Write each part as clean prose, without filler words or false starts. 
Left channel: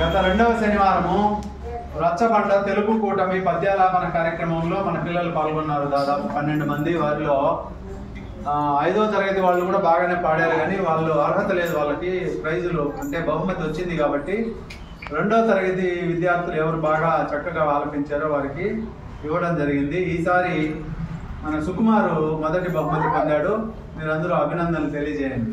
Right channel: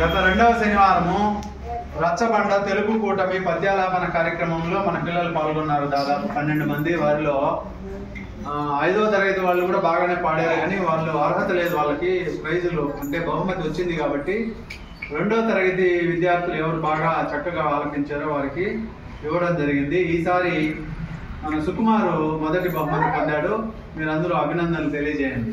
గత 2వ శనివారము రచ్చబండ తెలుగు కూటమి పద్యాలాపన కార్యక్రమంలో మన పిల్లలు పాల్గొన్నారు. దాదాపు 12 మంది. వారిలో 5వ తరగతి వాళ్ళు కూడా బాగానే పాడారు, కానీ వాళ్ళు అర్హత లేదు, వాళ్ళకి ప్రైజులు అంటే బహుమతి వచ్చింది కాబట్టి 2వ తరగతి విద్యార్థులు ఎవరు బాగా చక్కగా ఆలపించారో వారికి ఇవ్వడం జరిగింది. ఈసారి మన సుకుమారు మొదటి బహుమతి పొందాడు. మీరు అందరూ అభినందనలు తెలియజేయండి.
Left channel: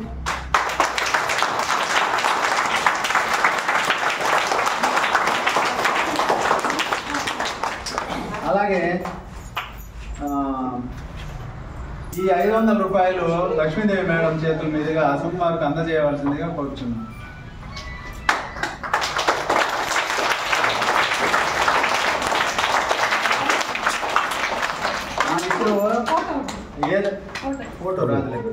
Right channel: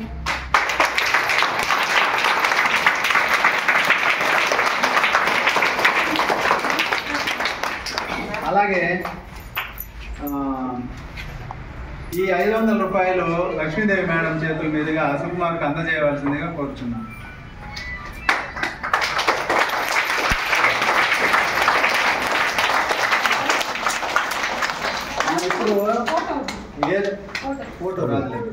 అలాగే ఈ 500 రూపాయలు లక్ష్మీదేవి మేడం చేతుల మీదుగా సుకుమార్కి అందజేయవలసిందిగా కోరుచున్నాను. ఇప్పుడు ఫోటో రాలేదు.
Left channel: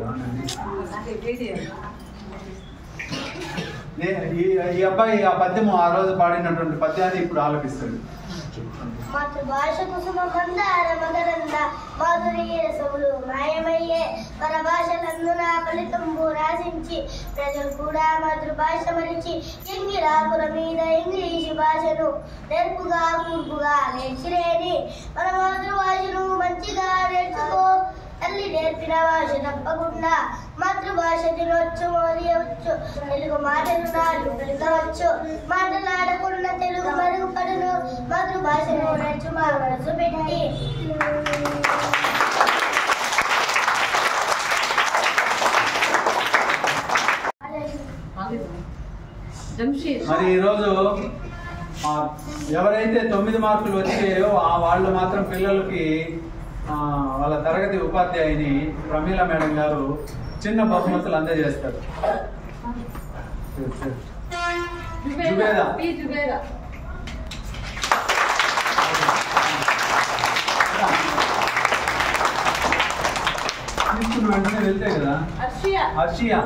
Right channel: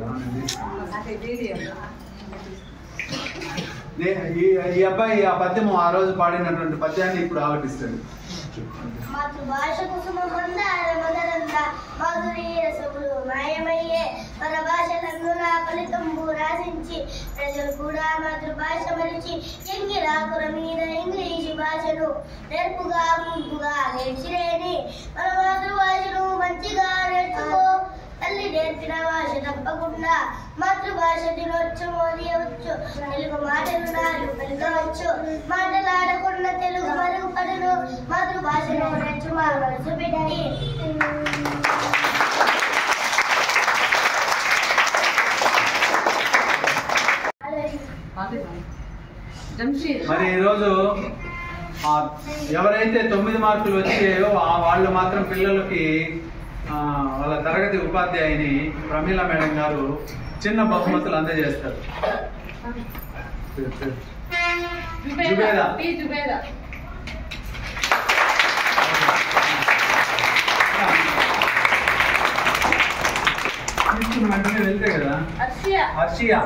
ఈ అబ్బాయి ఆ పద్యము ఆ రోజు పాడినటువంటి పద్యాన్ని ఇప్పుడు ఆలపిస్తాడు. మాతృభాష కుసుమందార మదరంద మాధుర్య రసములు మాయమయ్యే పరభాషలందున ఫలితంబు రాసించి ప్రజలు కూడా మాతృభాష మరిచి ఎంగిరాకుల మీద ఇంగ్లీషు భాషను నేర్పుగా కూర్పుగా నేర్చిలేని మన మాతృభాషను మంచిగా నేర్చుకో. తల్లి నేర్పిన భాష తప్పకుండా మాతృభాష దినోత్సవమోదియవచ్చు. తెలుగు మాటలు నాలుగు పలుకవచ్చు. మాటలాడకుండా తెలుగు మరుగుపడును. మాతృభాషను నేర్చు మా మనసు పెట్టి. మరి ఈరోజు ఎవరైతే 9 మార్కులు వచ్చాయో వాళ్ళు మాత్రం పిల్లలకి వాళ్ళ తరగతి ఉపాధ్యాయుని ప్రమీల మేడం గారు చిన్న బహుమతులు అందజేస్తారు. వెంటనే వెళ్తే కదా హర్షియా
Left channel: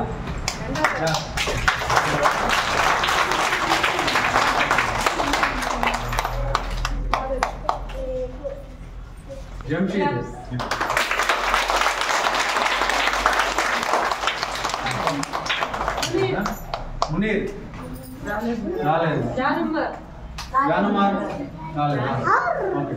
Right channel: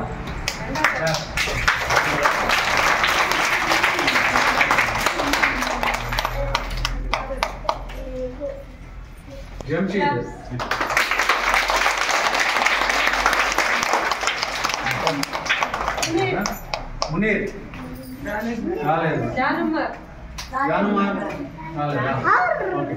జంషీద్ మునీర్ రాలేదు. జానుమార్ రాలేదా? ఓకే.